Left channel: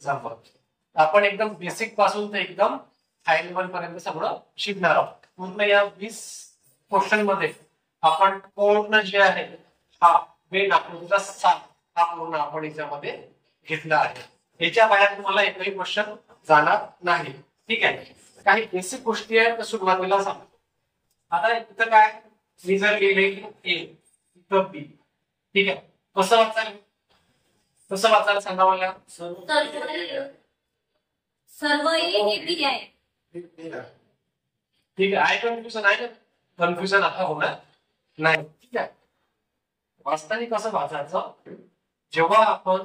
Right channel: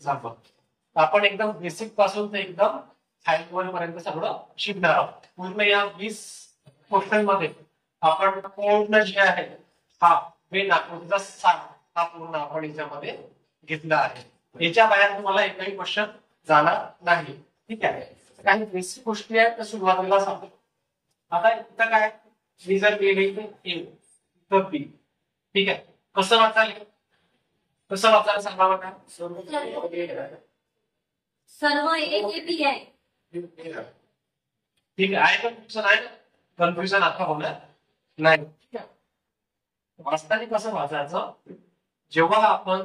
Example आपण एकदम basic पासून ते एकदम हाय लेवल पर्यंत सगळं शिकणार आहोत. पूर्ण या 20 क्वेश्चन मध्ये आपण पूर्ण जे आहे हा मेन आकृतीचा सार हा पूर्ण आपण याच्यामध्ये घेतला आहे. याच्या बाहेर तुम्हाला एकही क्वेश्चन जाणार नाही. ठीक आहे. काही बेसिक गोष्टी आहेत सुरुवातीला सांगतो. आता इथं काय मी जर लिहिले ए इथं बी. ठीक आहे. कसं वाचायला सांगा मला. सर्व ए बी आहे. ठीक आहे. कन्फ्युजन आहे ना. कन्फ्युजन आता होणार नाही. ठीक आहे. वाचताना कसं वाचायचं, जेव्हा आपण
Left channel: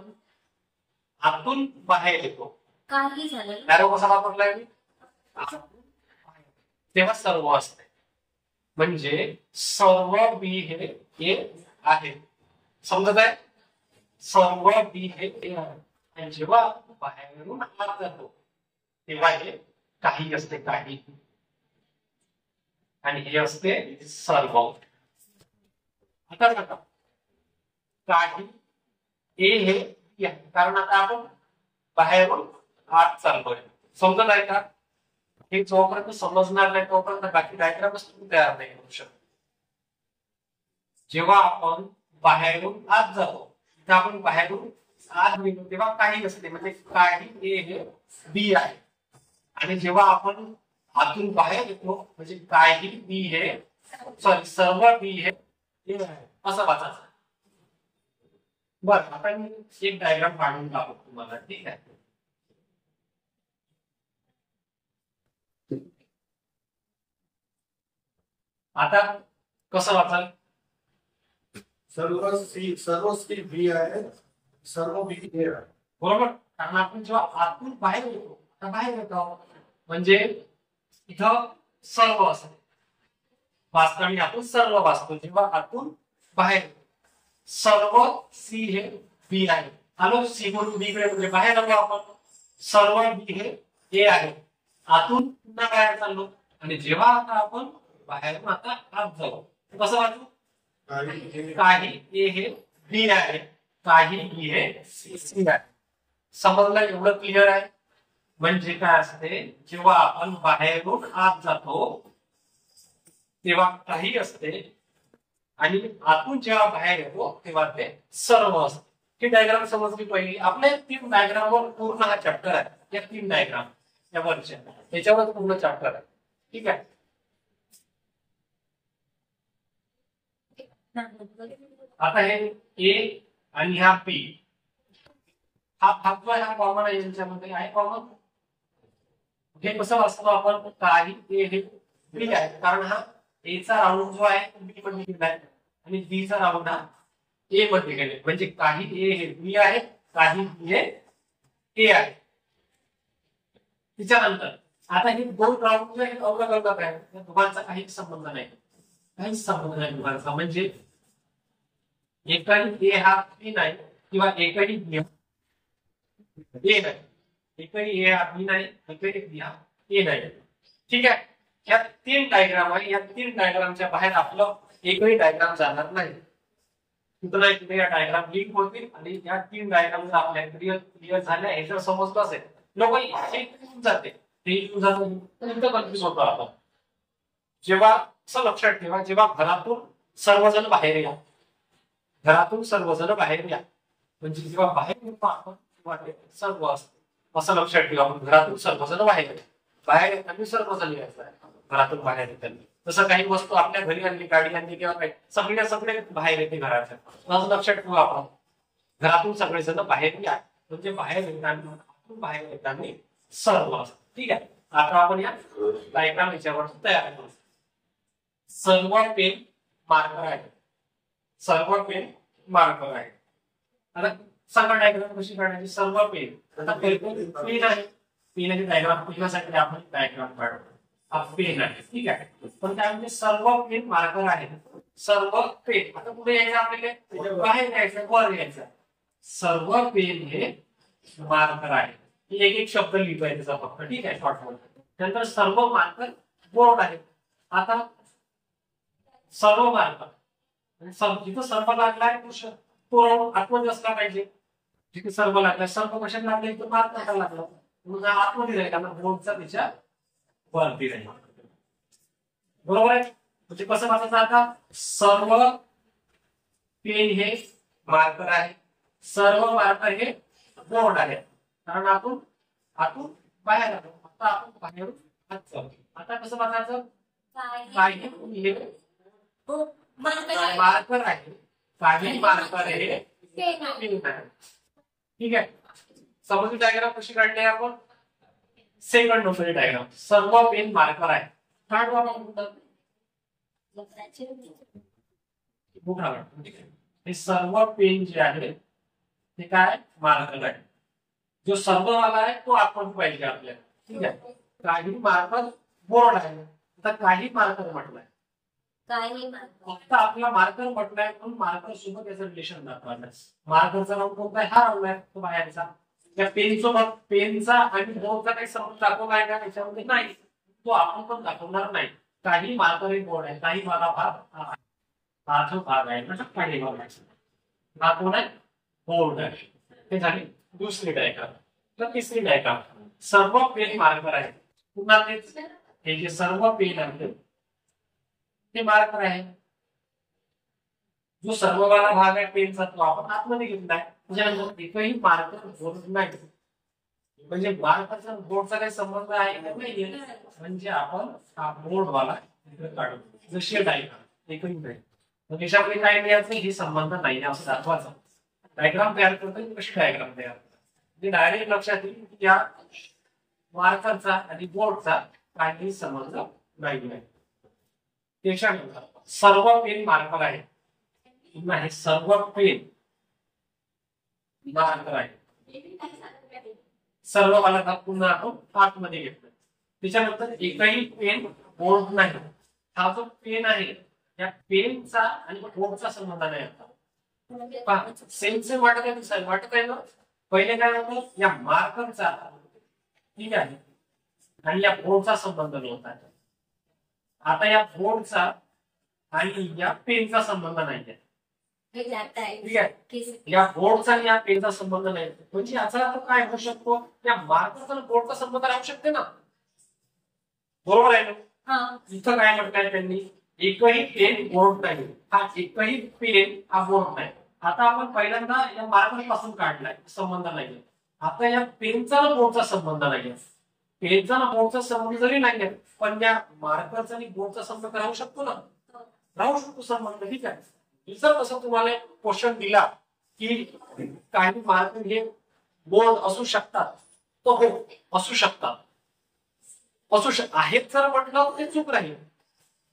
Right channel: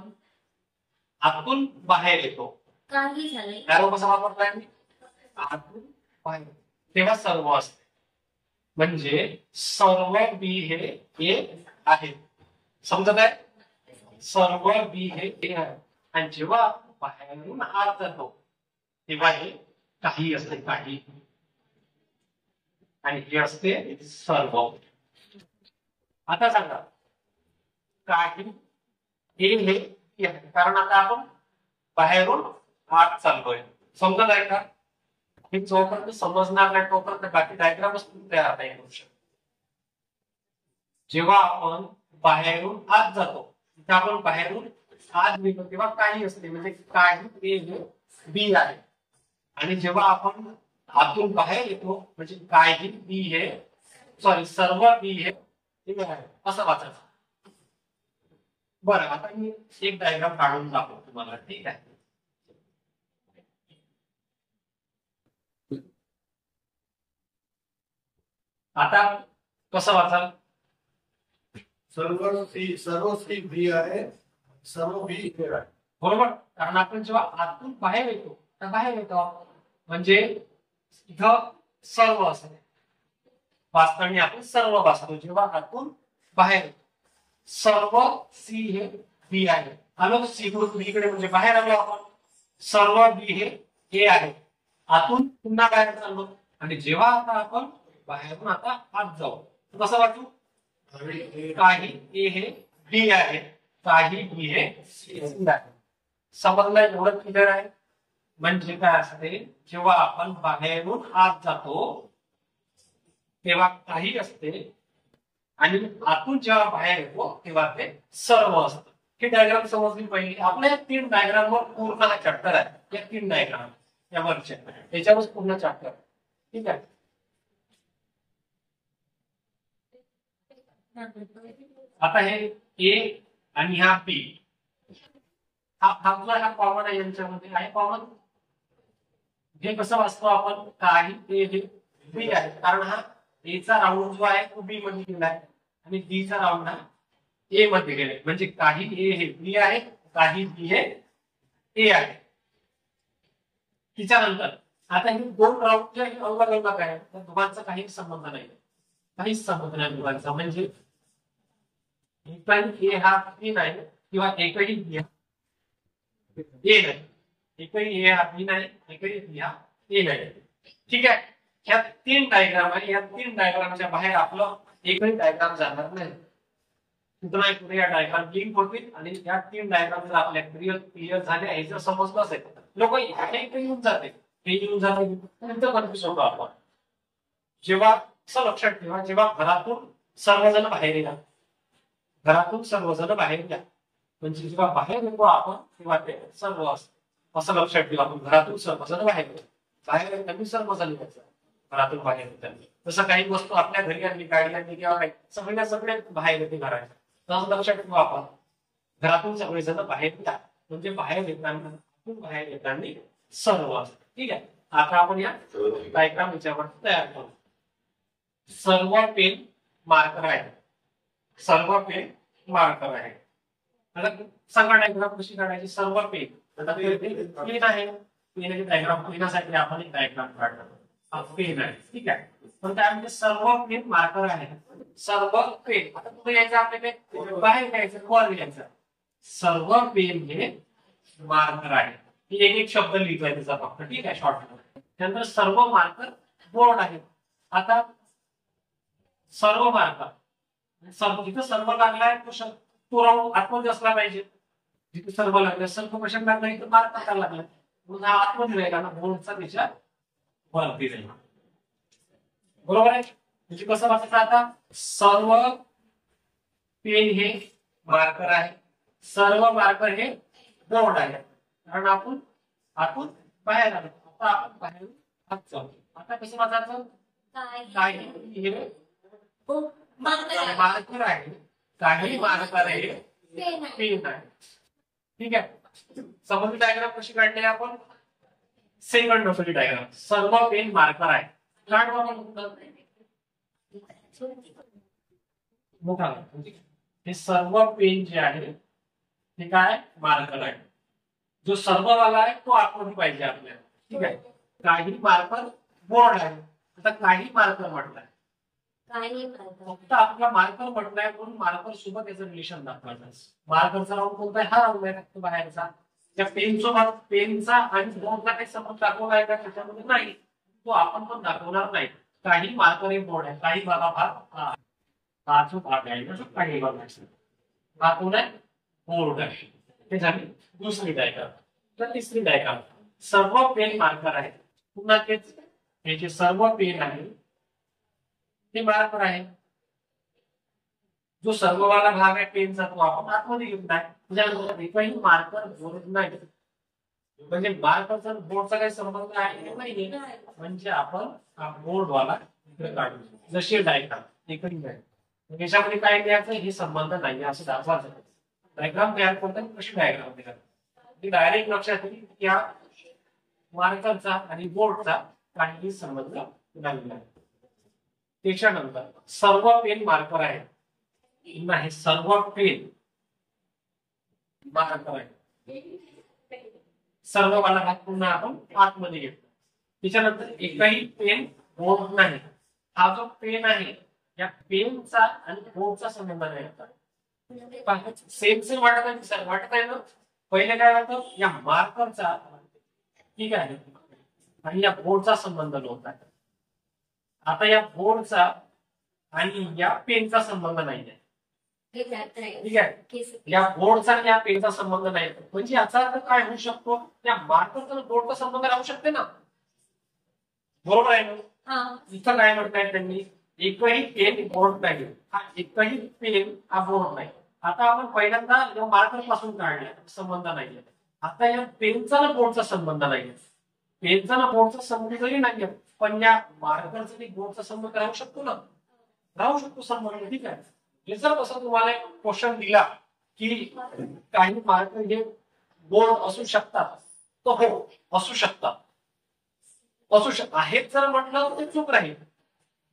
आतून बाहेर येतो काही झालं त्याला कसा वापरलाय मी आतून बाहेर तेव्हा सर्व असते. म्हणजे सर्व बी हे ए आहे. समजत आहे. सर्व बी हे ए आहे. आणि जेव्हा बाहेरून आत जातो तेव्हा हे काही असते. काही आणि हे असते सर्व. आता सांगा काही ए हे ए आहे. कारण आता आपण बाहेरून आत चाललोय. समजत आहे का. हे जोपर्यंत समजणार नाही तोपर्यंत बाकी डायग्रामच तुम्ही तयार नाही करू शकत. जेव्हा आपण बाहेरून आत जातो तिथे आपण बाहेरून आत निघतो तेव्हा काही असते. म्हणजे काही ए हे बी आहे. आणि जेव्हा आपण आतून बाहेर येतो म्हणजे काही बी हे सर्व बी हे ए आहे असं वाचायचं. बरं आता मी एक डायग्राम काढून दाखवतो तुम्हाला. ठीक आहे. आता कसं वाचाल. सर्व सी बी आहे. सर्व बी ए आहे. बरोबर. कारण आपण जेव्हा आतून बाहेर येतो म्हणजे इथं सर्व असते. वाचताना आपण सर्व वाचतो. जेव्हा आतून बाहेर सर्व सी हे बी आहे. आलो सी म्हणून बी कडे म्हणजे बाहेर आलो आपण. सर्व बी हे ए आहे. आतून पुन्हा बाहेर चाललो. आणि जेव्हा आता आपण बाहेरून आता आत जाऊ कसं वाचू. काही ए हे बी आहे. काही बी हे सी आहे. समजलं. एवढं क्लिअर आहे. म्हणजे काय असते जेव्हा आपण बाहेरून आत जातो तेव्हा काही असते आणि आतून जेव्हा बाहेर येतो तेव्हा ते सर्व असतं. ही डायग्राम समजली पहिली. आपल्या 3 डायग्राम वर पूर्ण हा चॅप्टर आहे. या 3 डायग्राम या वरच्या याच्यावर पूर्ण चॅप्टर आहे. ठीक आहे. आता हे ए आणि हा बी हा भाग जो आहे हा कॉमन आहे. यांच्यामध्ये आहे कॉमन. हे कसं वाचतो आपण. काही ए हे बी आहे. कारण हा ए चा राऊंड जो आहे तो बी मध्ये गेलाय आणि बी चा राऊंड हा ए मध्ये गेलाय. म्हणजे काही ए हे बी आहे. काही बी हे ए आहे. त्याच्यानंतर आता हे 2 राऊंड जे अलग आहे त्या दोघांचा काही संबंध नाही. काहीच संबंध नाही दोघांचा. म्हणजे एकही ए हा बी नाही किंवा एकही बी हा ए नाही. एकही ए हा बी नाही. एकही बी हा ए नाही. ठीक आहे. ह्या 3 डायग्राम आहे. या 3 डायग्रामच्या बाहेर आपलं एकही डायग्राम जाणार नाही. कुठे नाही कुठे या डायग्राम लिंक होतील. आणि या 3 डायग्राम जर आपल्या क्लिअर झाल्या हे जर समजलं असेल लोक हे येऊन जाते ते येऊन जाते नंतर कन्फ्युज होतो आपण. जेव्हा असं लक्षात ठेवा जेव्हा घरातून सर्वजण बाहेर या. घरातून सर्वजण बाहेर या म्हणजे जेव्हा बाहेर येतो आपण तेव्हा ते सर्व असतं. असं लक्षात ठेवा. आपण घरातून सर्वजण बाहेर येतो. बाहेर येताना सर्वजण यायचं आहे. घरातून बाहेर येताना जसं काही वस्तू आपल्या घरी आणली गाडी आणली किंवा काही सगळे बाहेर येते घराच्या. असं लक्षात ठेवा आपण घरातून सगळेजण बाहेर या म्हणजे बाहेर येताना सर्व असतं. ठीक आहे. आता आपण या डायग्राम याच्यावर तयार करू. सर्व पेन मार्कर आहे. सर्व पेन मार्कर आहे. आता सांगा डायग्राम कशी काढायची. सर्व पेन. आता पेन आहे. पेनाची डायग्राम पेनासाठी आपण एक डायग्राम काढतो. हा पेन आहे. ठीक आहे. पण काय म्हणजे सर्व पेन मार्कर आहे. सर्व पेन. आता कुठे यायचं आपल्याला बाहेर यायचं वर यायचं. सर्व पेन हे मार्कर आहे. एक शब्द लिहितोय त्याचा फक्त. ठीक आहे. शॉर्ट मध्ये. त्यानंतर सर्व मार्कर बोर्ड आहे. आता सर्व मार्कर जिथं सर्व लागलाय तो राऊंड आतमध्ये असला पाहिजे. जिथे सर्व लागलं, सर्व कशाला लागलं, इथं मार्कर का लागला, म्हणून हा आतमध्ये राहिला ना, बोर्डचा त्याच्या वरती राहील. बरोबर आहे. म्हणजे कसं वाचायचं आता, सर्व पेन हे मार्कर आहे, सर्व मार्कर हे बोर्ड आहे. कारण आपण आतून बाहेर आलो, आता आपण बाहेरून आत जाऊ. आता कसं वाचायचं, काही हे मार्कर आहे, काही मार्कर हे पेन आहे. ठीक आहे. समोरची डायग्राम कशी काढली आपण, सेकंड नंबरची डायग्राम. सर्व पेन मार्कर आहे, काढू आपण मोठा. हे सर्व पेन जे आहे ते काय मार्कर आहे. जो सर्व वाला आहे तो आतमध्ये पाहिजे आपल्याला. ठीक आहे. काही मार्कर बोर्ड आहे. आता काही मार्कर म्हटलंय, फक्त आपला मार्कर म्हटलंय म्हणून मार्कर सोबत याचं रिलेशन दाखवायचं. मार्करचा राऊंड कोणता आहे, हा राऊंड आहे तो बाहेरचा. त्या पेन सोबत पेनचा आणि बोर्डचा काही संबंध दाखवला आहे का त्याच्यामध्ये, नाही. तो आपण पण दाखवणार नाही. काही मार्कर एक बोर्ड आहे, काही वाला भाग हा जो भाग आहे म्हणजे काही भाग आहे, हा कोण आहे, बोर्ड आहे. हे झाली दुसरी डायग्राम. तर तिसरी डायग्राम, सर्व पेन मार्कर आहे. पुन्हा तेच, हे जे सर्व पेन आहे ते मार्कर आहे. जो सर्ववाला भाग आहे पेनचा तो आपण आतमध्ये घेतलाय. त्याच्यानंतर एकही मार्कर बोर्ड नाही, म्हणजे मार्करचा बोर्डचा काही संबंध आहे का नाहीये, म्हणजे आपण हा बोर्डवाला इकडे काढू. जशी डायग्राम एकही नाही, मग याच्यामध्ये काय द्यायचं, हे संबंध नाही असं दाखवायचं. डायग्राम तयार करताना कशी डायग्राम तयार, म्हणजे डायरेक्ट लक्षात येईल की या मार्करचा आणि बोर्डचा काही संबंध नाही. त्याच्यानंतर सर्व पेन मार्कर आहे, नाही सर्व पेन मार्कर आहे. सर्व वाला भाग पुन्हा आपण आतमध्ये घेतला. त्याच्यानंतर एकही पेन बोर्ड नाही. हा जो पेन आहे या पेनचा आणि बोर्डचा संबंध नाही. आता सेम सेम वाटत आहे ना. पहिले काय होतं, या मार्करचा ठीक आहे आणि या बोर्डचा संबंध नव्हता. आता या बोर्डचा आणि या पेनचा संबंध नाहीये. ठीक आहे. या बोर्डचा आणि या पेनचा संबंध नाही, म्हणजे याचा अर्थ काय होऊ शकतो, या मार्करचा आणि बोर्डचा संबंध राहू शकते ना. बरोबर आहे ना. इथं काय म्हटलंय त्यांनी, एकही पेन बोर्ड नाही. हा एकही पेन हा बोर्ड नाही. आता आपण पहिल्यांदा या मार्कर पासून काढलाय, संबंध नाहीये. आता या पेनचा आणि बोर्डचा संबंध नाहीये. पेनचा आणि बोर्डचा संबंध जरी नाहीये, पण या मार्करचा आणि बोर्डचा संबंध राहू शकतो ना, राहू शकतो संबंध. ठीक आहे. हे जर कसं तुम्हाला क्वेश्चन दिला की काही मार्कर हे बोर्ड असू शकतात, तो हो असू शकतात, आहेत जर म्हटलं ते चूक राहील.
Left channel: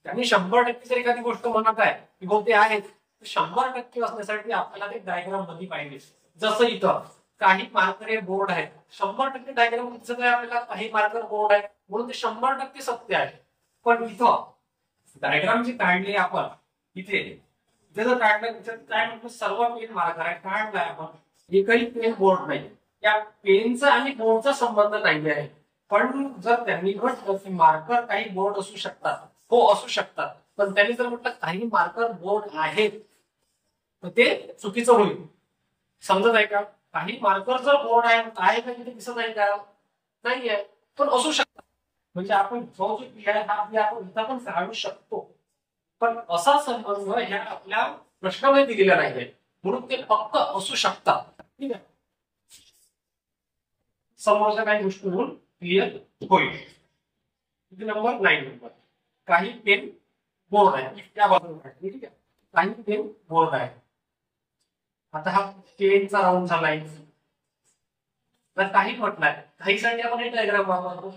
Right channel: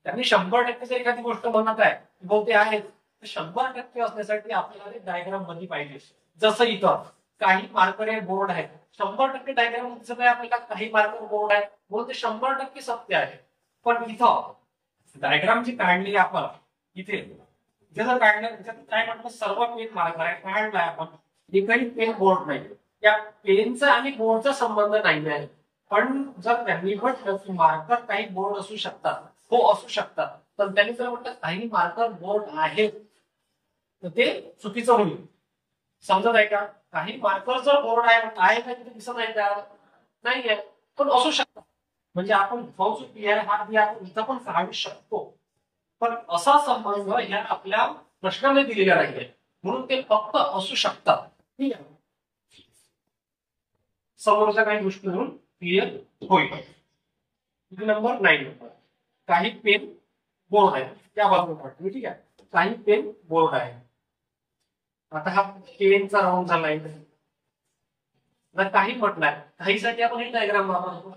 त्यांनी 100% जर एखादी गोष्ट म्हणत आहे की हो ते आहेत, 100% असण्यासाठी आपल्याला ते डायग्राम मध्ये पाहिजे. जसं इथं काही मार्कर हे बोर्ड आहेत, 100% डायग्राम दिसत आहे आपल्याला काही मार्कर बोर्ड आहे म्हणून ते 100% सत्य आहे. पण इथं डायग्राम जी काढली आपण इथे जर काढलं, त्याच्यात काय म्हटलं, सर्व पेन मार्कर आहे, काढलाय आपण, एकही पेन बोर्ड नाही. या पेनचा आणि बोर्डचा संबंध नाही आहे. पण जर त्यांनी म्हटलं की मार्कर काही बोर्ड असू शकतात, हो असू शकतात, पण त्यांनी जर म्हटलं काही मार्कर बोर्ड आहेत, तर ते चुकीचं होईल. समजत आहे का. काही मार्कर जर बोर्ड आहे का तिथे दिसत आहे का, नाहीये, पण असू शकतात. म्हणजे आपण जो पी आहे हा पी आपण इथं पण काढू शकतो, पण असा संबंध ह्या आपल्या प्रश्नामध्ये दिलेला नाहीये, म्हणून ते फक्त असू शकतात. ठीक आहे. समोरच्या काही गोष्टी म्हणून क्लिअर होईल. नंबर 9 काही पेन बोर्ड आहे, त्या बाजूला. ठीक आहे. काही पेन बोर्ड आहे. आता हा पेनचा राऊंड झालाय, काही म्हटलंय, काहीसाठी आपण हे डायग्राम वापरतो.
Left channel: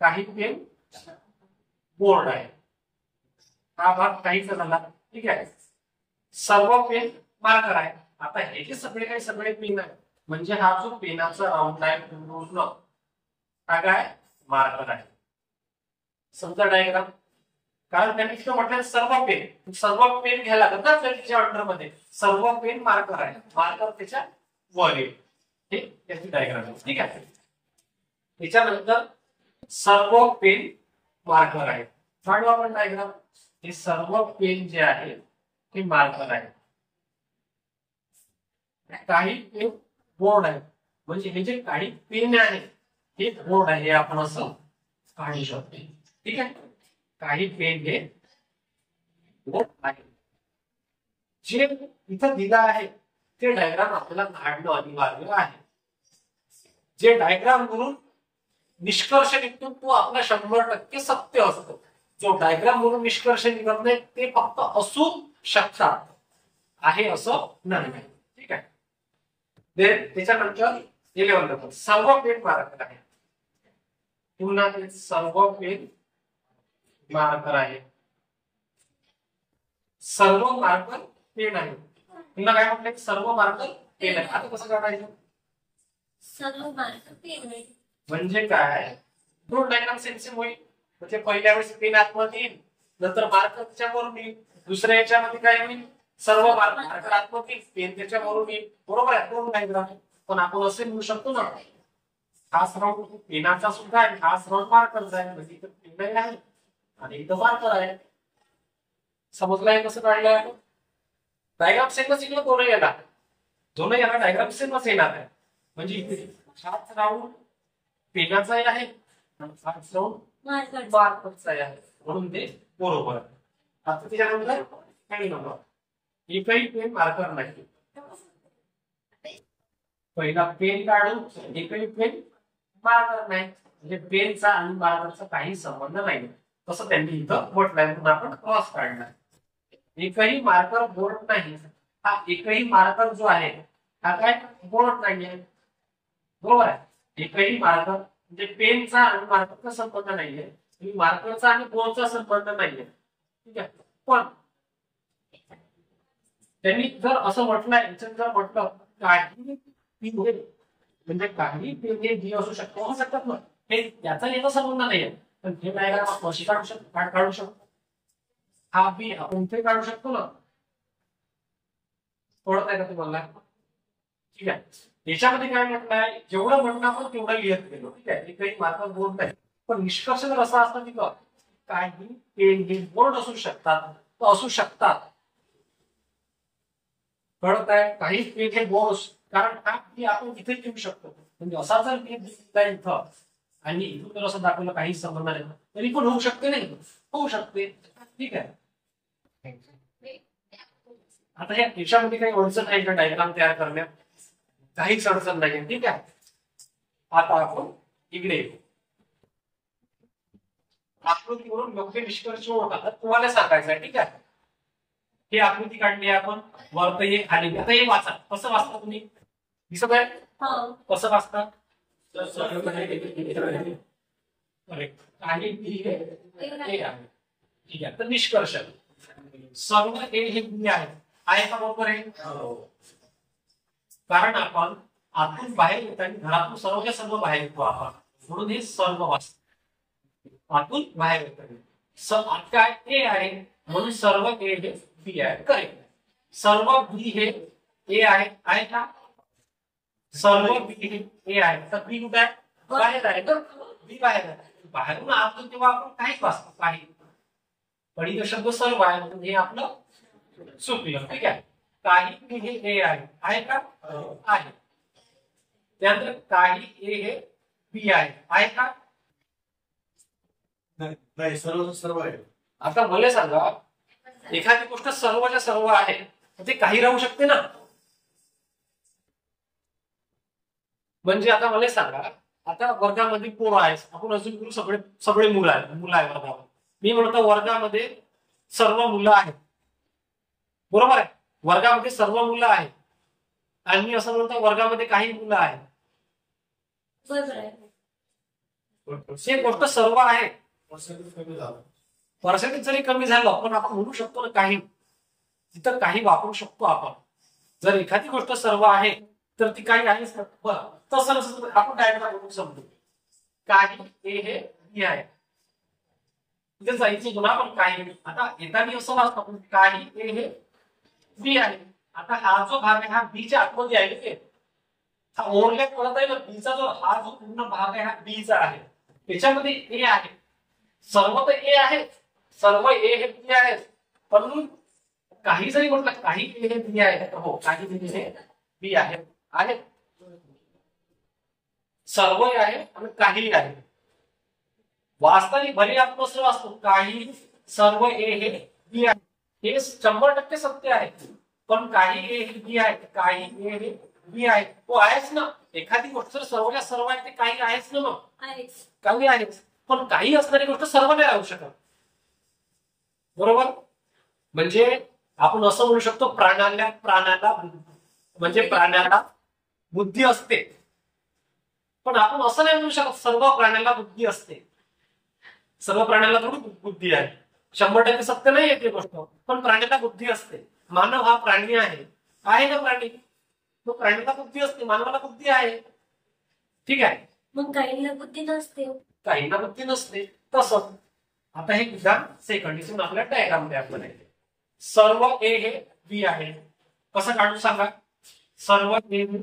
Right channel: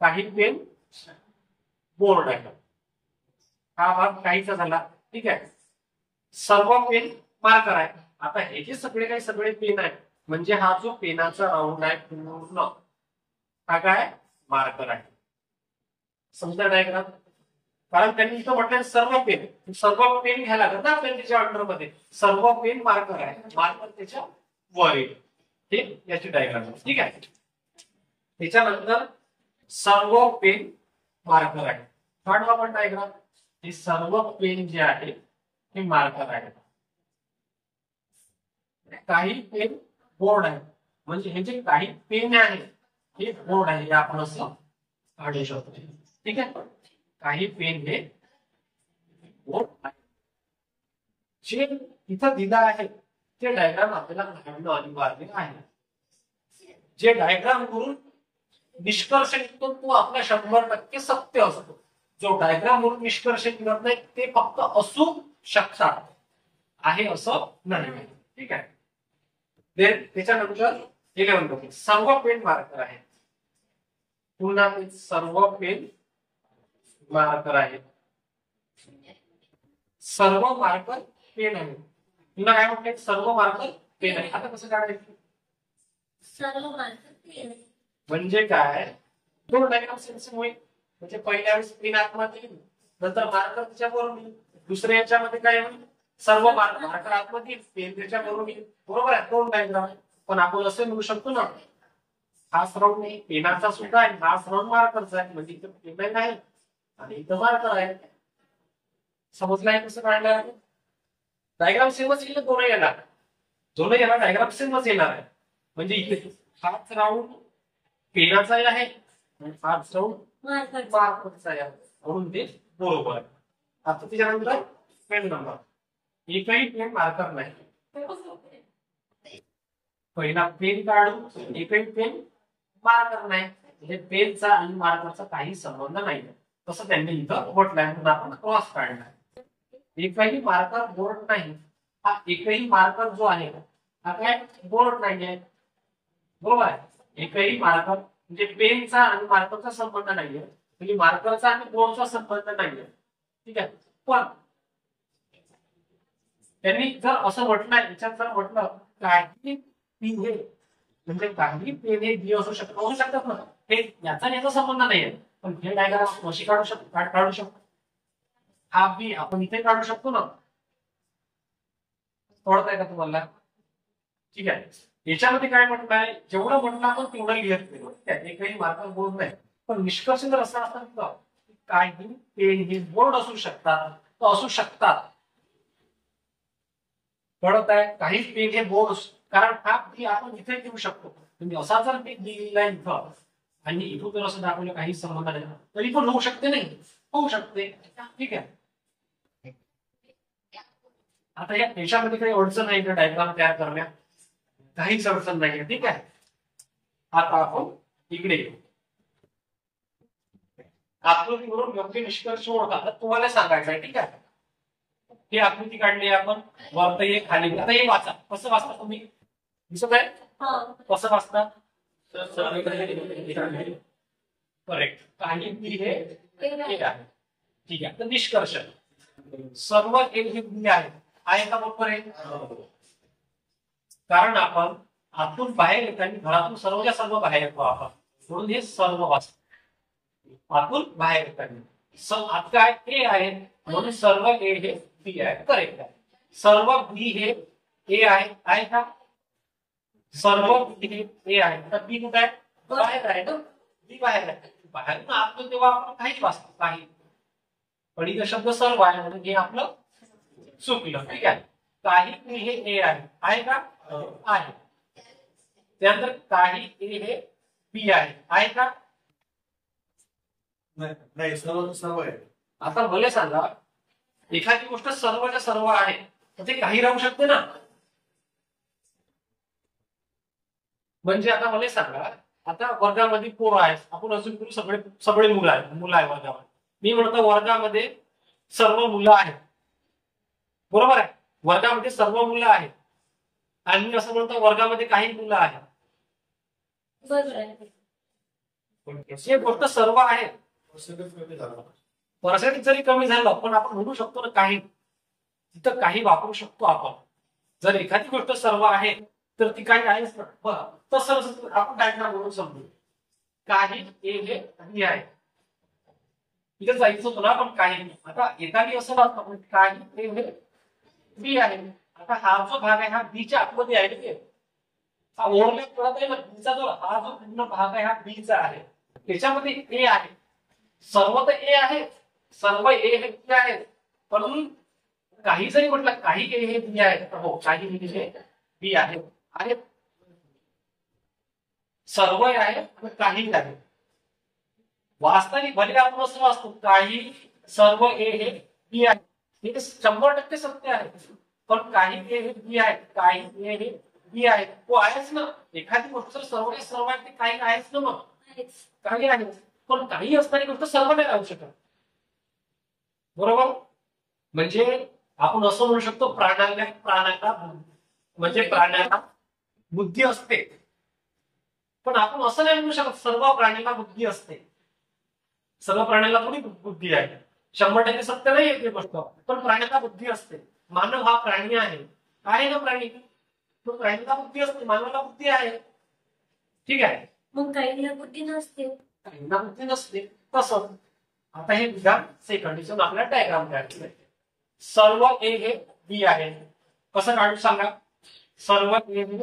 काही पेन बोर्ड आहे, हा भाग काहीचा झाला. ठीक आहे. सर्व पेन मार्कर आहे. आता हे जे सगळे पेन आहे, म्हणजे हा जो पेनाचा राऊंड आहे पूर्ण हा काय मार्कर आहे. समजा डायग्राम, कारण त्यांनी तिथं म्हटलं सर्व पेन घ्यायला लागत ना आपल्याला त्याच्या अंडरमध्ये. सर्व पेन मार्कर आहे, मार्कर त्याच्या वर येईल. हे याची डायग्राम आहे. ठीक आहे. त्याच्यानंतर सर्व पेन मार्कर आहे, काढू आपण डायग्राम. हे सर्व पेन जे आहे ते मार्कर आहे. काही पेन बोर्ड आहे. म्हणजे हे जे काही पेन आहे हे बोर्ड आहे, हे आपण असं काढू शकतो. ठीक आहे, काही पेन हे बोर्ड आहे. जे इथं दिलं आहे ते डायग्राम आपल्याला काढणं अनिवार्य आहे. जे डायग्राम वरून निष्कर्ष निघतो तो आपला 100% सत्य असतो. जो डायग्राम वरून निष्कर्ष निघत नाही ते फक्त असू शकतात, आहे असं नाही. ठीक आहे. त्याच्यानंतर 11 नंबर सर्व पेन मार्कर आहेत. पुन्हा ते सर्व पेन मार्कर आहेत. सर्व मार्कर पेन आहे. पुन्हा काय म्हटलंय, सर्व मार्कर पेन आहे. आता कसं काढायचं, सर्व मार्क पेन आहे. म्हणजे काय, दोन डायग्राम सेम होईल. म्हणजे पहिल्या वेळेस पेन आतमध्ये येईल, नंतर मार्कर त्याच्यावरून येईल. दुसऱ्या याच्यामध्ये काय होईल, सर्व मार्कर आतमध्ये येईल, पेन त्याच्यावरून येईल. बरोबर आहे, दोन डायग्राम. पण आपण असे म्हणू शकतो ना, हाच राऊंड पेनाचा सुद्धा आहे, हाच राऊंड मार्करचा आहे. म्हणजे इथं पेन आहे आणि इथं मार्कर आहे. समजलं आहे कसं काढलं. डायग्राम सेमच येईल, दोनही याला डायग्राम सेमच येणार आहे. म्हणजे इथे हाच राऊंड पेनाचा आहे आणि हाच राऊंड मार्करचा आहे, म्हणून ते बरोबर आहे. आता त्याच्यानंतर पेन नंबर, एकही पेन मार्कर नाही. पहिला पेन काढू, एकही पेन मार्कर नाही. म्हणजे पेनचा आणि मार्करचा काही संबंध नाही. तसं त्यांनी इथं म्हटलंय, म्हणून आपण क्रॉस काढला. एकही मार्कर बोर्ड नाही. हा एकही मार्कर जो आहे हा काय बोर्ड नाहीये. बरोबर आहे, एकही मार्कर म्हणजे पेनचा आणि मार्करचा संबंध नाहीये, म्हणजे मार्करचा आणि बोर्डचा संबंध नाहीये. ठीक आहे. पण त्यांनी जर असं म्हटलंय, याच्यात जर म्हटलं काही पेन हे, म्हणजे काही पेन हे जी असू शकतात ना, हे याचा याचा संबंध नाहीये. पण हे डायग्राम आपण कशी काढू शकतो. हा बी आपण इथे काढू शकतो ना. कळत आहे का तुम्हाला. ठीक आहे. याच्यामध्ये काय म्हटलंय, जेवढं म्हटलं आपण तेवढं लिहत गेलो. ठीक आहे, एकही मार्कर बोर्ड नाही. पण निष्कर्ष जर असा असता की काही पेन हे बोर्ड असू शकतात, तर असू शकतात. कळत आहे, काही पेन हे बोर्ड, कारण हा बी आपण इथे घेऊ शकतो. म्हणजे असा जर पेन दिलेला आहे इथं आणि इथून जर असं दाखवलं काही संबंध नाही, तरी पण होऊ शकते, नाही होऊ शकते. ठीक आहे. आता याच्यामध्ये काही अडचण आहे का डायग्राम तयार करण्यात, काहीच अडचण नाहीये. ठीक आहे. आता आपण इकडे येऊ. आकृतीवरून योग्य निष्कर्ष ओळखा तुम्हाला सांगायचं आहे. ठीक आहे. ही आकृती काढली आपण, वरत हे खाली. आता हे वाचा, कसं वाचता तुम्ही, दिसत आहे कसं वाचता. करेक्ट. काही बी हे ए आहे. ठीक आहे. तर निष्कर्ष सर्व ए हे बी आहे का, बरोबर आहे. कारण आपण आतून बाहेर येताना घरातून सर्व बाहेर येतो आपण, म्हणून हे सर्व वाचतो. आतून बाहेर येताना आत काय ए आहे, म्हणून सर्व ए हे बी आहे. करेक्ट आहे. सर्व बी हे ए आहे का, सर्व बी हे ए आहे. तर बी कुठे आहे, बाहेर आहे ना, बी बाहेर आहे. बाहेरून आत तेव्हा आपण काहीच वाचतो, काही. पण इथं शब्द सर्व आहे, म्हणून हे आपलं चुकलं. ठीक आहे. काही बी हे ए आहे का, आहे. त्यानंतर काही ए हे बी आहे का, नाही. सर्व आहे. आता मला सांगा, एखादी गोष्ट सर्वच्या सर्व आहे तर ते काही राहू शकते ना. म्हणजे आता मला सांगा, आता वर्गामध्ये पोरं आहेत, आपण अजून सगळे मुलं आहे वर्गामध्ये. मी म्हणतो वर्गामध्ये सर्व मुलं आहेत, बरोबर आहे. वर्गामध्ये सर्व मुलं आहेत आणि मी असं म्हणतो वर्गामध्ये काही मुलं आहेत. बरोबर आहे. ही गोष्ट सर्व आहे. पर्सेंटेज कमी झालं, पर्सेंटेज जरी कमी झालं पण आपण म्हणू शकतो ना काही, तिथं काही वापरू शकतो आपण. जर एखादी गोष्ट सर्व आहे तर ती काही आहेच. तसं आपण डायग्राम म्हणून समजू. काही ए हे बी आहे, इथे जायचं होतं ना आपण काही. आता एखादी असं वाचतो काही ए हे बी आहे. आता हा जो भाग आहे हा बीच्या आतमध्ये आहे ना, हा ओव्हरलॅप करत आहे ना. बीचा हा जो पूर्ण भाग आहे हा बीचा आहे, त्याच्यामध्ये ए आहे. सर्व तर ए आहे, सर्व ए हे बी आहे. पण काही जरी म्हटलं काही ए हे बी आहे, तर हो काही बी हे बी आहे. सर्व आहे आणि काही आहे. वास्तविक भले आपण असं असतो काही सर्व ए हे बी आहे, हे 100% सत्य आहे. पण काही ए हे बी आहे, काही ए हे बी आहे, तो आहेच ना. एखादी गोष्ट जर सर्वच्या सर्व आहे ते काही आहेच ना. मग काही आहेच, पण काही असणारी गोष्ट सर्व नाही राहू शकत. बरोबर. म्हणजे आपण असं म्हणू शकतो प्राण्याला म्हणजे प्राण्याला बुद्धी असते, पण आपण असं नाही म्हणू शकत सर्व प्राण्याला बुद्धी असते. सर्व प्राण्याला थोडी बुद्धी आहे. 100% सत्य नाही आहे ती गोष्ट, पण प्राण्याला बुद्धी असते. मानव हा प्राणी आहे ना प्राणी, तो प्राण्याला बुद्धी असते, मानवाला बुद्धी आहे. ठीक आहे. मग काहींना बुद्धी नसते. काहींना बुद्धी नसते. तसंच आता हे विधान सेकंड इथून आपल्याला डायग्राम तयार करायचे. सर्व ए हे बी आहे. कसं काढू सांगा. सर्व ए हे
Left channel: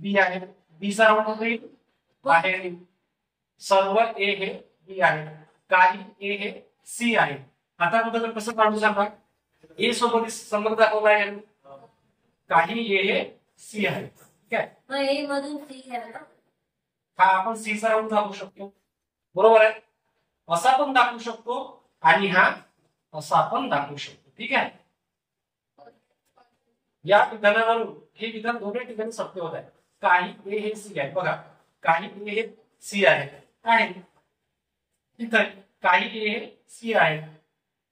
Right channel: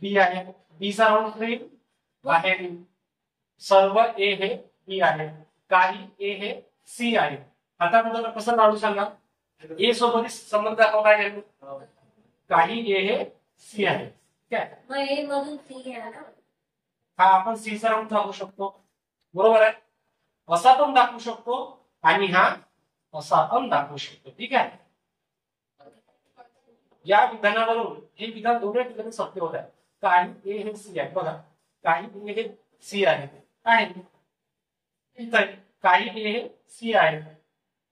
बी आहे, बी चा राऊंड होईल बाहेर येईल. सर्व ए हे बी आहे, काही ए हे सी आहे. आता कुठं कसं काढू सांगा. ए सोबत संबंध दाखवला आहे, काही ए हे सी आहे. ठीक आहे. मग ए मधून सी घ्या ना. हा आपण सी चा राऊंड दाखवू शकतो. बरोबर आहे. असा पण दाखवू शकतो आणि हा असा पण दाखवू शकतो. ठीक आहे. या विधानावरून हे विधान दोन्ही ठिकाणी सत्य होत आहे. काही ए हे सी आहे. बघा काही ए हे सी आहे. काय इथं काही ए हे सी आहे.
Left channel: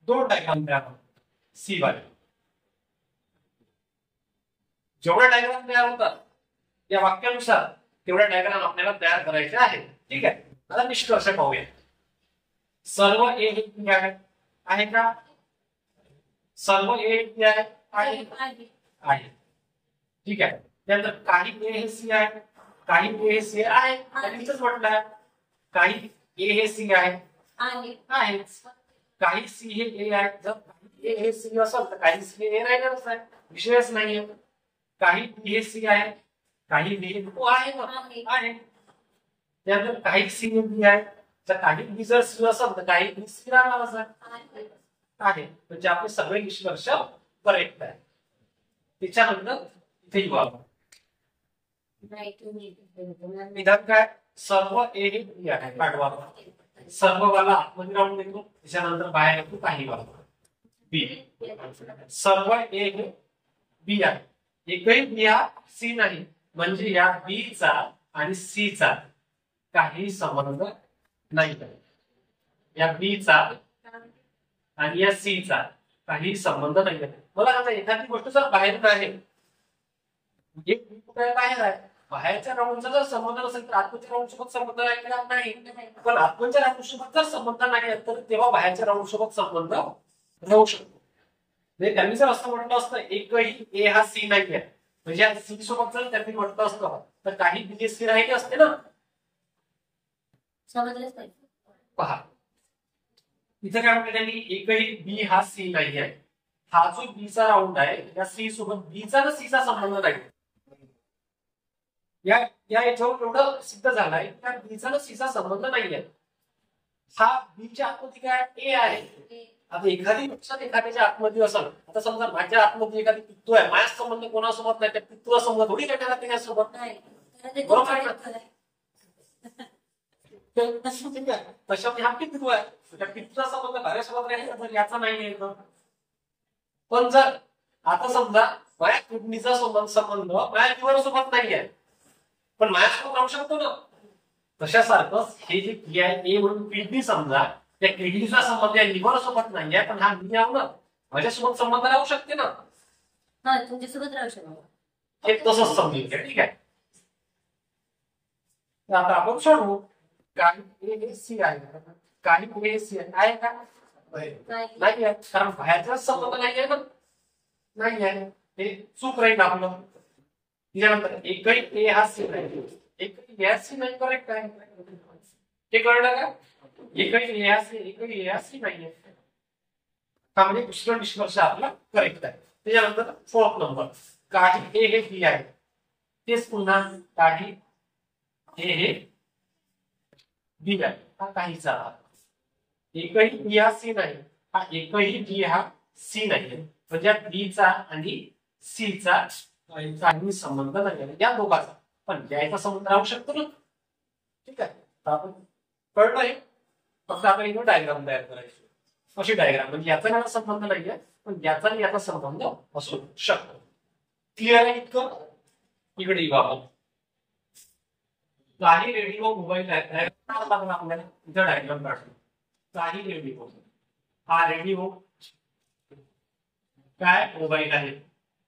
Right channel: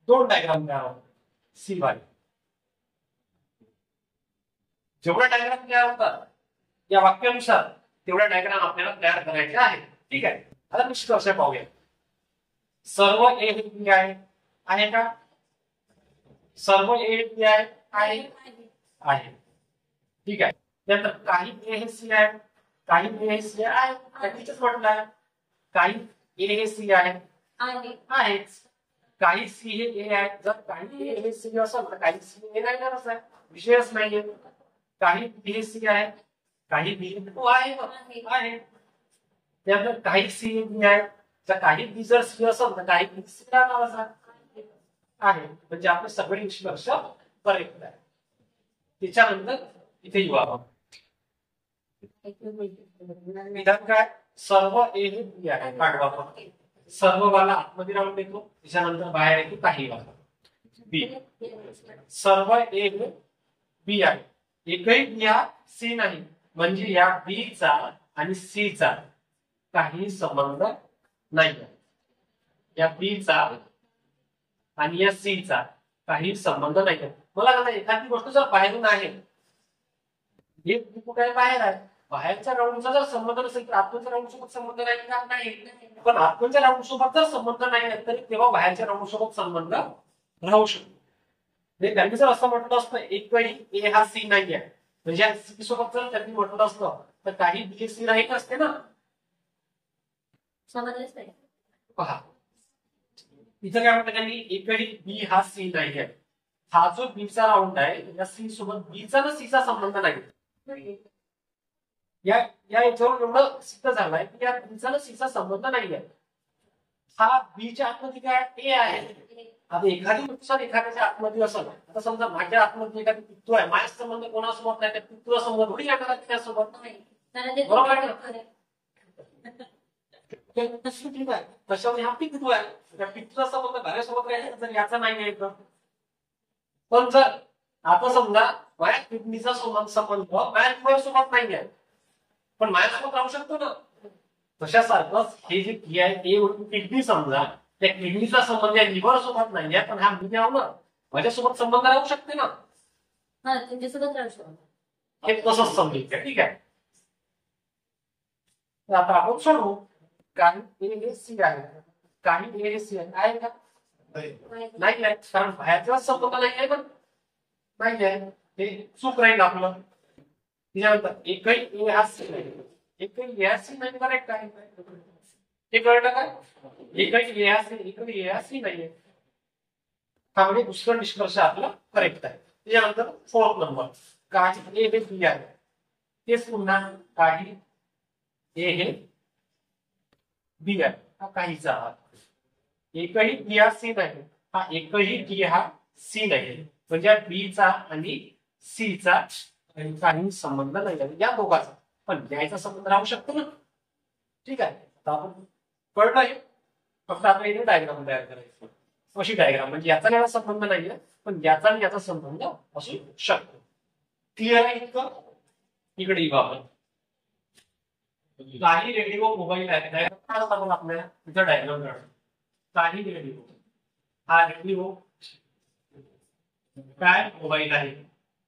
दोन डायग्राम तयार होतात सी वाले. जेवढा डायग्राम तयार होतात या वाक्यानुसार तेवढा डायग्राम आपल्याला तयार करायचे आहे. ठीक आहे. आता निष्कर्ष पाहूया. सर्व ए हे बी आहे का. सर्व ए बी आहे. ठीक आहे. त्यानंतर काही ए हे सी आहे, काही ए हे सी आहे. त्यांनीच म्हटलं आहे काही ए हे सी आहे. काही सी हे ए आहे. जर काही ए हे सी असेल तर काही सी ए राहणारच आहे, विषयच नाहीये. काही बी हे सी आहे, काही बी तो आहे. त्यानंतर काही सी हे बी आहे. जर काही बी जर सी असेल तर काही बी सी राहणारच आहे. म्हणजे आपले सगळे निष्कर्ष करेक्ट आहे. त्याच्यानंतर इथे येऊ आपण. विधान काय. सर्व ए हे बी आहे. काढू आपण. सर्व वाला आतमध्ये राहून देतो, त्याच्यानंतर बाहेर येतो काही वाला बी. सर्व ए हे बी आहे. एकही बी हा सी नाही, म्हणजे या बी चा आणि सी चा काही संबंध नाही. या बी चा आणि या सी चा काही संबंध नाही. मला सांगा एखादी गोष्ट जर बाहेरून आहे, एक बी कुठे बाहेर आहे, बाहेरच्या राऊंडचा जर संबंध नसेल तर आतमध्ये राऊंड सोबत संबंध नाही. पण आतमध्ये राऊंड सोबत जर संबंध नाही तर तेव्हा बाहेरच्या राऊंड सोबत संबंध राहू शकतो. त्यांनी जर असं म्हटलं असतं एकही ए हा सी नाही आहे, म्हणजे सी सोबत जर त्यांनी म्हटलं असतं तर काही बी सी राहिले असते ना. समजलंच नाही. पहा इथं काय म्हटलं त्यांनी एकही बी हा सी नाही आहे. हा जो बी चा राऊंड आहे या सी सोबत बी चा ना सी चा संबंध नाही. या याच्यावर एवढं सिद्ध झालंय की या बी चा ना सी चा संबंध नाही आहे. हा बी च्या आतमध्ये काय ए आहे. आता एखादी नुकसान एखाद्याच्या आतमध्ये असेल, आता समजा माझ्या आतमध्ये एखादी पित्तू आहे, माझ्या संबंध कोणासोबत नाही, त्या पित्तूला संबंध थोडी राहणार त्याच्यासोबत. बरोबर आहे. ठीक आहे. तशामध्ये हा पित्तू आहे, त्या पित्तूचा संबंध भाऱ्यासोबत राहील तर याचा नाही आहे. पण जर आता समजा माझ्या किडनीचा संबंध माझ्या लिव्हर सोबत नाही आहे, पण माझ्यासोबत राहू शकतो ना. तशासारखंच हे जे की आहे ए म्हणून किडनी समजा, त्या किडनीचा संबंध या लिव्हर सोबत नाही आहे, पण हा मी आहो ना, माझ्यासोबत संबंध राहू शकते ना. तुमच्यासोबत राहू शकतो. हे तसंच समजून घ्या. ठीक आहे. आता आपण सोडवू. काही ए हे सी आहे, काही ए हे सी आहे का. नाही आहे, कारण बाहेरचा संबंध नाही आहे ना. नाही आहे, हे चूक राहील आपलं. त्याच्यानंतर एकही ए हा सी नाही, एकही ए हा सी नाही. करेक्ट आहे. हे कळलं का. एकही ए हा सी, एकही ए हा सी नाही आहे. हा म्हणजे दुसरा निष्कर्ष आपला करेक्ट आहे. त्याच्यानंतर फोर्थ नंबर काही ए हे बी आहे. तेच पुन्हा काही ए हे बी आहे. हा काहीचा भाग. एकही बी हा सी नाही, हा एकही बी हा सी नाही, म्हणजे बी चा आणि सी चा काही संबंध नाही आहे या दोघांचा. पण याचा संबंध राहू शकतो ना. ठीक आहे, आता आपण कळलंय, फक्त आपण इथे डायग्राम तयार करायची. अशी डायग्राम म्हणजे याचा याचा संबंध नाहीये, पण याचा आणि याचा संबंध असू शकतो. क्लिअर आहे इतकं? इकडे येऊ आपण. काही रेडिओ मोबाईल आहेत, आपल्याला इथं डायग्राम काढतो. काही रेडिओ, हा रेडिओ काय मोबाईल आहे,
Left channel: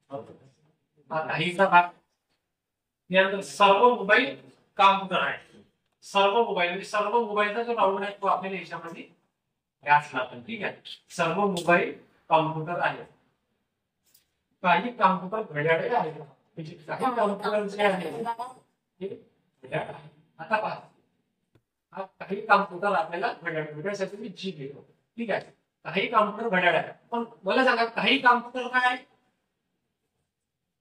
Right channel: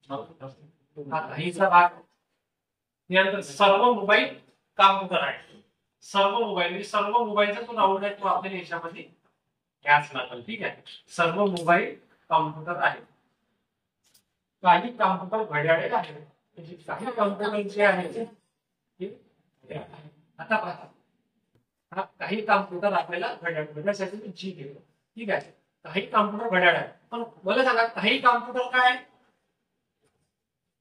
हा काहीचा भाग. यानंतर सर्व मोबाईल कॉम्प्युटर आहे. सर्व मोबाईल म्हणजे सर्व मोबाईलचा जो राऊंड आहे तो आपल्या याच्यामध्ये घ्याच लागेल. ठीक आहे, सर्व मोबाईल कॉम्प्युटर आहे. काही कॉम्प्युटर घड्याळे आहेत, म्हणजे काही कॉम्प्युटर जे आहे ते घड्याळ आहे. आता पहा, हा काही कॉम्प्युटर आपल्याला घड्याळसाठी मी जी घेतो. ठीक आहे, काही कॉम्प्युटर घड्याळ आहे. पण मला सांगा, काही कॉम्प्युटर काय आहे?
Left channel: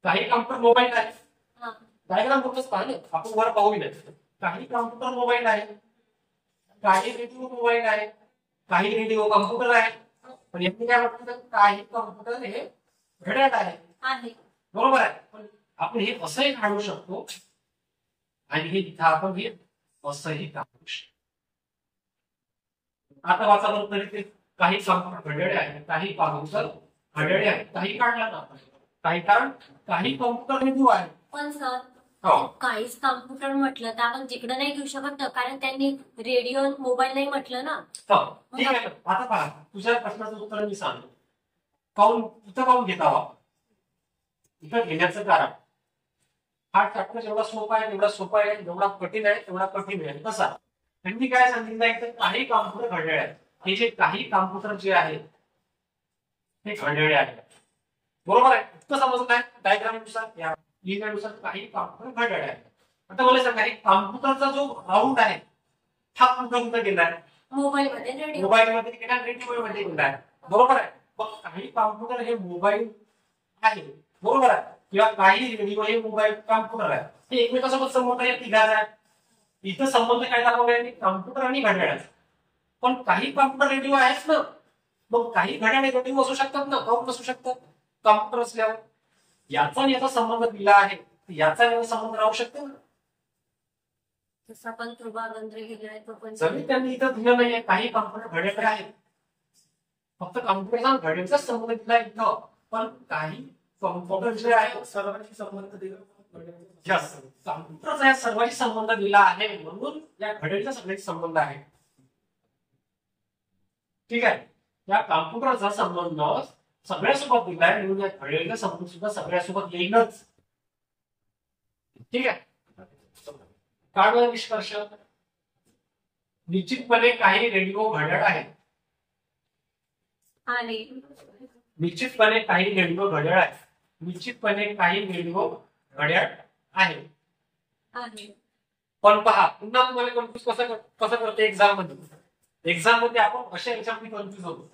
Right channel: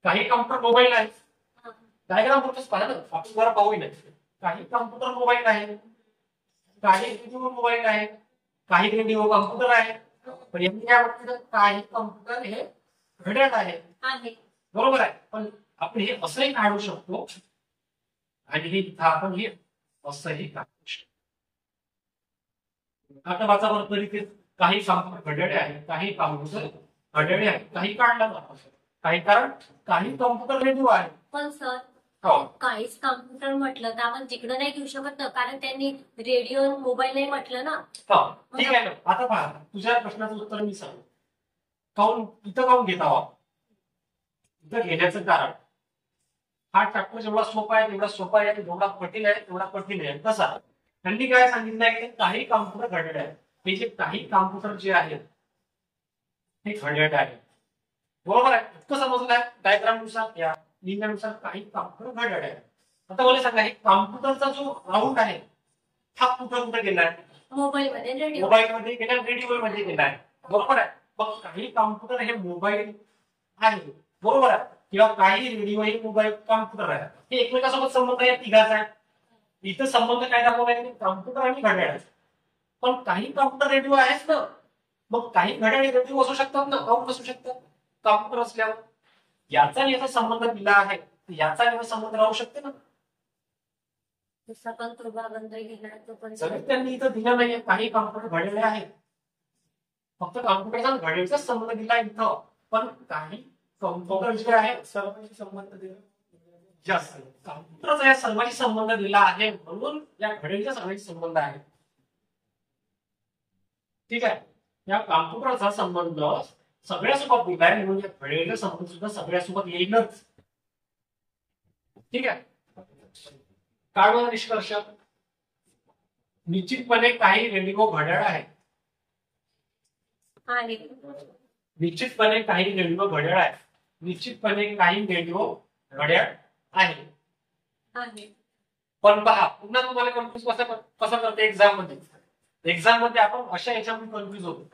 काही कॉम्प्युटर मोबाईल आहे. डायग्राम फक्त पहा ना, आपण बरं पाहू नाही. काही कॉम्प्युटर मोबाईल आहे, काही रेडिओ मोबाईल आहे, काही रेडिओ कॉम्प्युटर आहे. पण यांनी काय म्हटलं, काही कॉम्प्युटर हे घड्याळ आहे. बरोबर आहे. पण आपण हे असंही काढू शकतो आणि हे इथं आपण हे असंही काढू शकतो. आता वाचा बरं तरी ते काही कॉम्प्युटर घड्याळे आहेत, काही कॉम्प्युटर घड्याळे आहेत. काही काढला ना आपण काही, कारण काही कॉम्प्युटर रेडिओ आहे. पण सर हो, काहीच कॉम्प्युटर म्हटलं तर आपण तिकडे नाही घेऊ शकत ना, कारण त्यांनी रेडिओ मोबाईल नाही म्हटलं ना. हो ठीक आहे ना. आता पहा, तुझ्या प्रश्नाचं उत्तर मी सांगतो. काऊन इथं काऊन घेत आहोत? इथं घेण्याचं कारण, हा चॅप्टर जेवढा सोपा आहे तेवढा सोपा आहे, जेवढा कठीण आहे तेवढा कठीण आहे. कसा त्यांनी काय सांगितलंय की काही कॉम्प्युटर घड्याळे आहेत. हे जे काही कॉम्प्युटर जे आहेत हे घड्याळे आहेत. बरोबर आहे, इतकं समजलंय डायग्राम नुसार, या लिहिण्यानुसार काही कॉम्प्युटर घड्याळे आहेत. आता मला सांगा, हे कॉम्प्युटरचा जो राऊंड आहे हा कुठे गेलाय? मोबाईल मध्ये, रेडिओ मोबाईल मध्ये गेला, रेडिओ मध्ये गेलाय. बरोबर आहे. मग काही कॉम्प्युटर हे मोबाईल आहे, बरोबर आहे, किंवा काही रेडिओ हे मोबाईल कॉम्प्युटर आहे. हे एकमेकांसोबत संबंध या तिघाचा आहे. इथं संबंध काय दाखवलाय? कॉम्प्युटर आणि घड्याळाचा. पण काही कॉम्प्युटर रेडिओ आहेत ना, मग काही घड्याळे रेडिओ असू शकतात ना, काऊन नसू शकतात? कॉम्प्युटर असल्यावर याचा याचा संबंध दिला आहे, याचा याचा संबंध राहू शकते ना. जसा पण प्रभागंत्र गेलाय तो पण जरी त्यांनी इथं दिलं नाहीये काही कॉम्प्युटर घड्याळे आहेत, फक्त कॉम्प्युटरचा घड्याळाचा संबंध दिला इथं. पण काही कॉम्प्युटर जे आहे सर्वांशी संबंध दिला. कॉम्प्युटरचा या सर्वांशी संबंध दिला आहे, म्हणून या घड्याळीचा सर्वांशी संबंध आहे. ठीक आहे, या कॉम्प्युटरचा संबंध सगळ्यासोबत दिलाय, म्हणून या घड्याळीचा संबंध सुद्धा सगळ्यासोबत येईलच. ठीक आहे, काय बरं निष्कर्ष? निश्चितपणे काही रेडिओ घड्याळ आहे. निश्चितपणे काही रेडिओ घड्याळ आहे. निश्चितपणे काही रेडिओ घड्याळ आहे. पण पहा, पुन्हा तुम्हाला कन्फ्युज कसं करते एक्झाम मध्ये. एक्झाम मध्ये आपण अशा याच्यामध्ये कन्फ्युज होतो.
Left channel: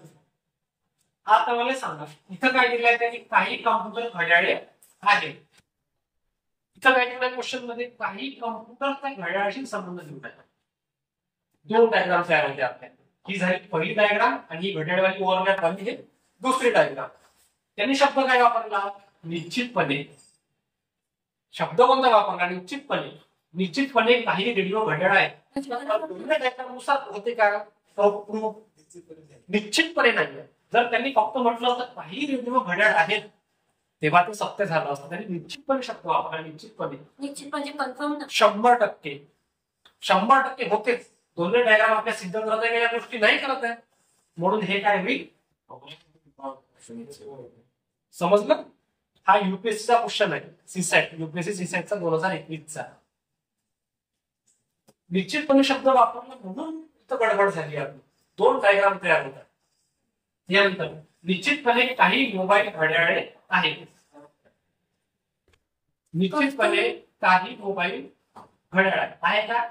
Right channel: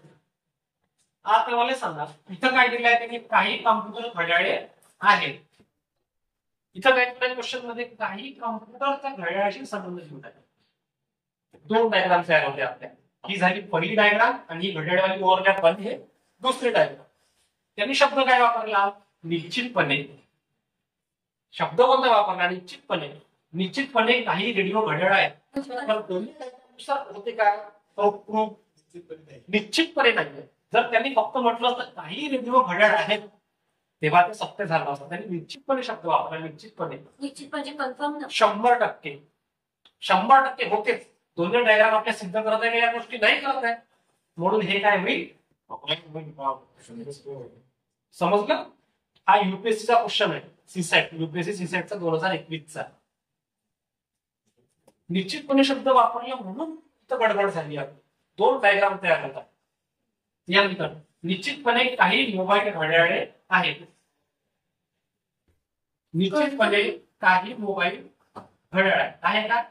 आता मला सांगा, इथं काय दिलंय त्यांनी? काही कॉम्प्युटर घड्याळे आहेत. इथं काय दिलंय क्वेश्चन मध्ये? काही कॉम्प्युटरचा घड्याळाशी संबंध दिला. दोन डायग्राम तयार होते आपल्या. ही झाली पहिली डायग्राम आणि ही घड्याळवाली ओव्हरलॅप वाली हे दुसरी डायग्राम. त्यांनी शब्द काय वापरला? निश्चितपणे. शब्द कोणता वापरला? निश्चितपणे. निश्चितपणे काही रेडिओ घड्याळ आहे. दोन्ही डायग्राम नुसार होते का? निश्चितपणे नाहीये. जर त्यांनी फक्त म्हटलं तर काही रेडिओ घड्याळ आहेत, तेव्हा ते सत्य झालं असतं. त्यांनी निश्चितपणे शब्द वापरला. निश्चितपणे, निश्चितपणे कन्फर्म ना. 100%. 100% होतेच. दोन्ही डायग्राम आपल्या सिद्ध करत आहे, या गोष्टी नाही करत आहे, म्हणून हे काय होईल? समजलं? हा युपीएससीचा क्वेश्चन आहे. सीसॅट, युपीएससी सीसॅटचा 2021चा. निश्चितपणे शब्द वापरला म्हणून इथं गडबड झाली आहे. दोन डायग्राम तयार होतात. यानंतर निश्चितपणे काही मोबाईल घड्याळे आहेत. निश्चितपणे काही मोबाईल घड्याळ आहे का?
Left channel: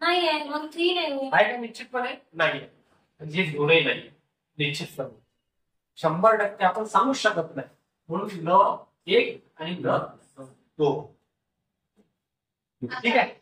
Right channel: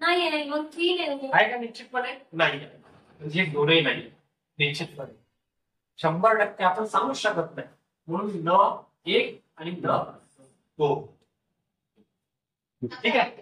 नाही आहे. मग 3 आहे का? निश्चितपणे नाही. म्हणजे दोनही नाही. निश्चितपणे 100% आपण सांगू शकत नाही, म्हणून न 1 आणि न 2. ठीक आहे.